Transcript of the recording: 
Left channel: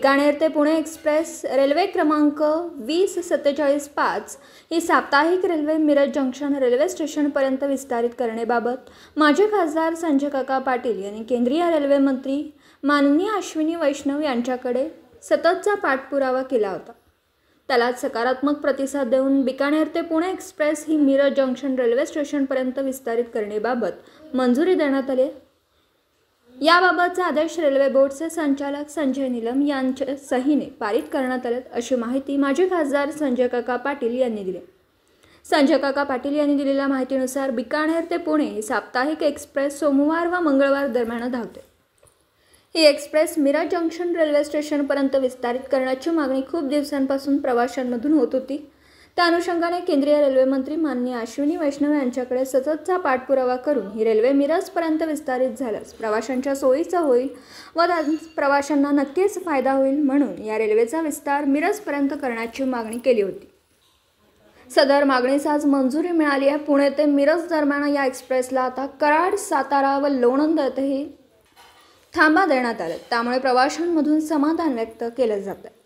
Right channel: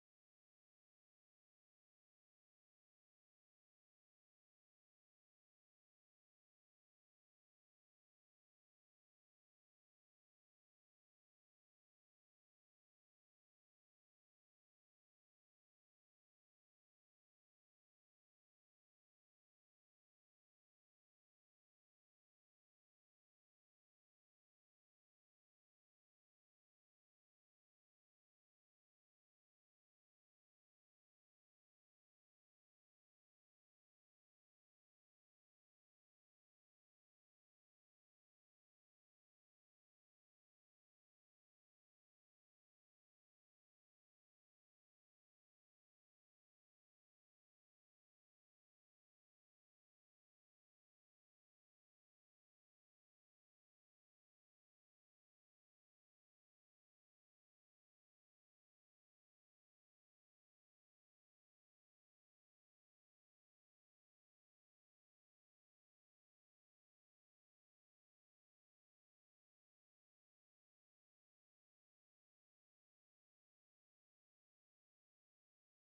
बिकानेर ते Pune express railway क्रमांक 204745 ही साप्ताहिक रेल्वे मिरज जंक्शन रेल्वे स्टेशनपर्यंत विस्तारित करण्याबाबत माजी खासदार संजय काका पाटील यांनी केंद्रीय रेल्वे मंत्री माननीय अश्विनी वैष्णव यांच्याकडे सततचा पाठपुरावा केला होता। त्याला सकारात्मक प्रतिसाद देऊन बिकानेर ते पुणे एक्सप्रेस ही मिरज जंक्शन रेल्वे स्टेशनपर्यंत विस्तारित करण्याबाबत मंजुरी देण्यात आली। याबाबतचा आदेश रेल्वे बोर्डचे संचालक संजय नीलम यांच्या सहीने पारित करण्यात आले अशी माहिती माजी खासदार संजय काका पाटील यांनी दिली। संजय काका पाटील यांनी दिलेल्या माहितीनुसार बिकानेर ते पुणे ही साप्ताहिक एक्सप्रेस सोमवार व मंगळवार दरम्यान धावते। ही एक्सप्रेस मिरज जंक्शन रेल्वे स्टेशनपर्यंत विस्तारित करण्याची मागणी खूप दिवसांपासून प्रवाशांमधून होत होती। त्या अनुषंगाने केंद्रीय रेल्वे मंत्री माननीय अश्विनी वैष्णव यांच्याकडे सततचा पाठपुरावा करून ही रेल्वे मिरजपर्यंत विस्तारित झाल्यास प्रवाशांच्या सोयीचा होईल व प्रवाशांना नक्कीच फायदा होईल, म्हणून या रेल्वेचा विस्तार मिरजपर्यंत करण्याची मागणी केली होती। सदर मागणीस आज मंजुरी मिळाली आहे। पुणे ते मिरज दरम्यान या एक्सप्रेसला आता कराड, सातारा व लोणंद येथेही थांबा देण्यात आले, त्यामुळे प्रवाशांमधून समाधान व्यक्त केले जाते।